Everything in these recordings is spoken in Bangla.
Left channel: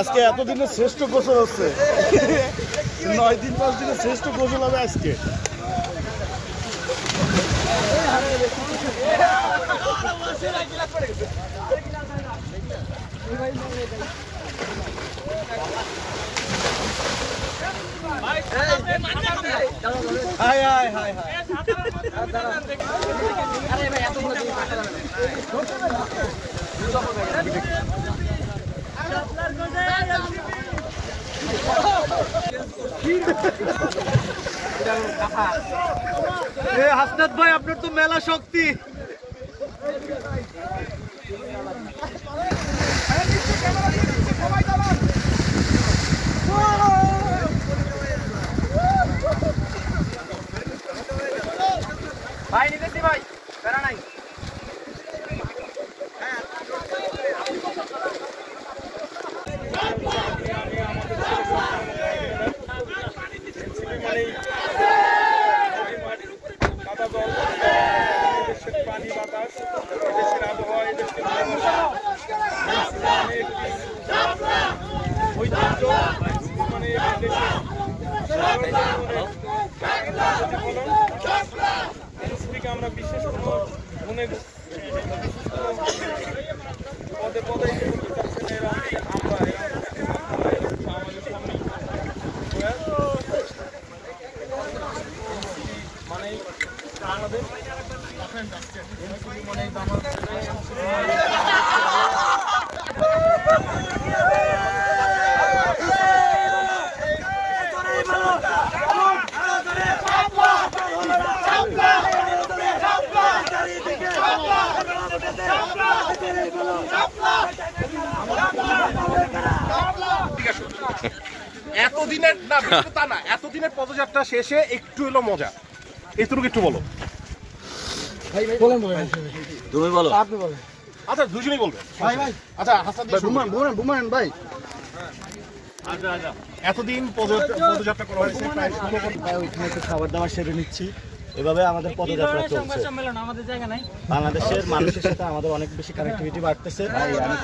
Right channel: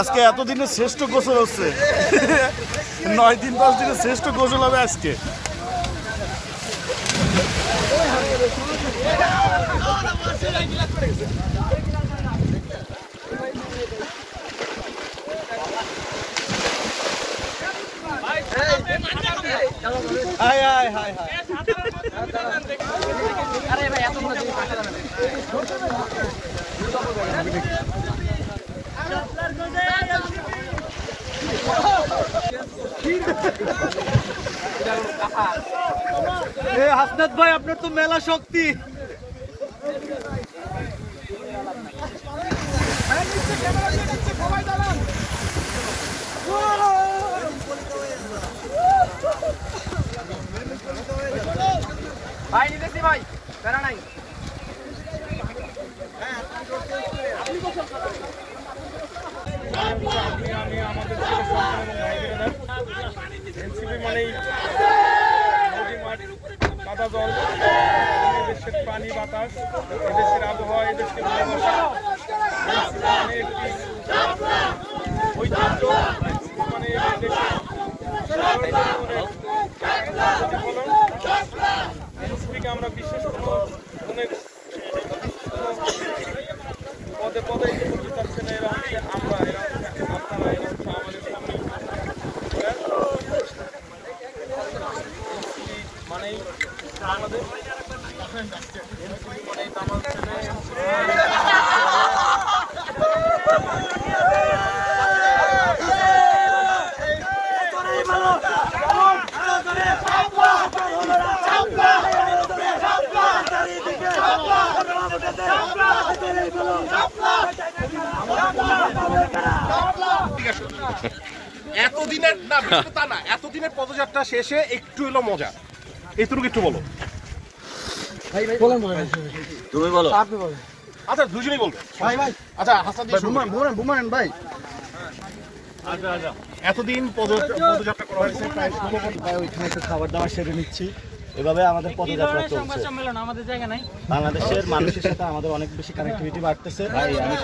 আজকে এতদিনের শ্রেষ্ঠ গোসল হচ্ছে 9 দিন 10 দিনের শ্রেষ্ঠ গোসল হবে আজকে। হাসনাত ভাই আপনার তো মেলা শক্তি। ভাই নিতেছি ভাই, প্যারা নাই। পানি বাতাস দেশের আবহাওয়া দেশের আমরা বিশ্বাস করবো গুণের পদে পদে আমরা আমাদের সামনে মানে বাংলাদেশ মানে এতদিনের পদযাত্রা শেষে একটু এলো মজা, এইটুকু একটু বলো। তুমি বলো, আপনি বলো। আচ্ছা দুজনেই বলবে। আচ্ছা হাসান ভাই, এতদিন পদযাত্রা করা হয়েছে, প্রায় 16 ঘন্টা ওইখানে খাবার দাবার সেরে নিচ্ছি। এভাবে আমাদের পদযাত্রা চলছে। বাংলাদেশের মানুষের সাথে আমাদের অনেক বেশি কানেক্টিভিটি বাড়তেছে।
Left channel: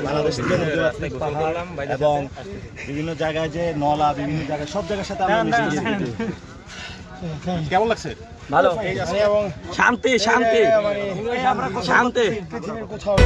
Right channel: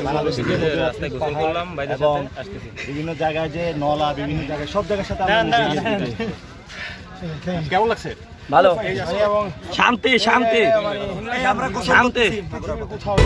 বাংলাদেশের যে নদী পাহাড় এবং বিভিন্ন জায়গায় যে নলা, বিভিন্ন জায়গায় সব জায়গার সাথে আমরা কেমন লাগছে? ভালো, শান্তি শান্তি শান্তি পৃথিবীর কোথাও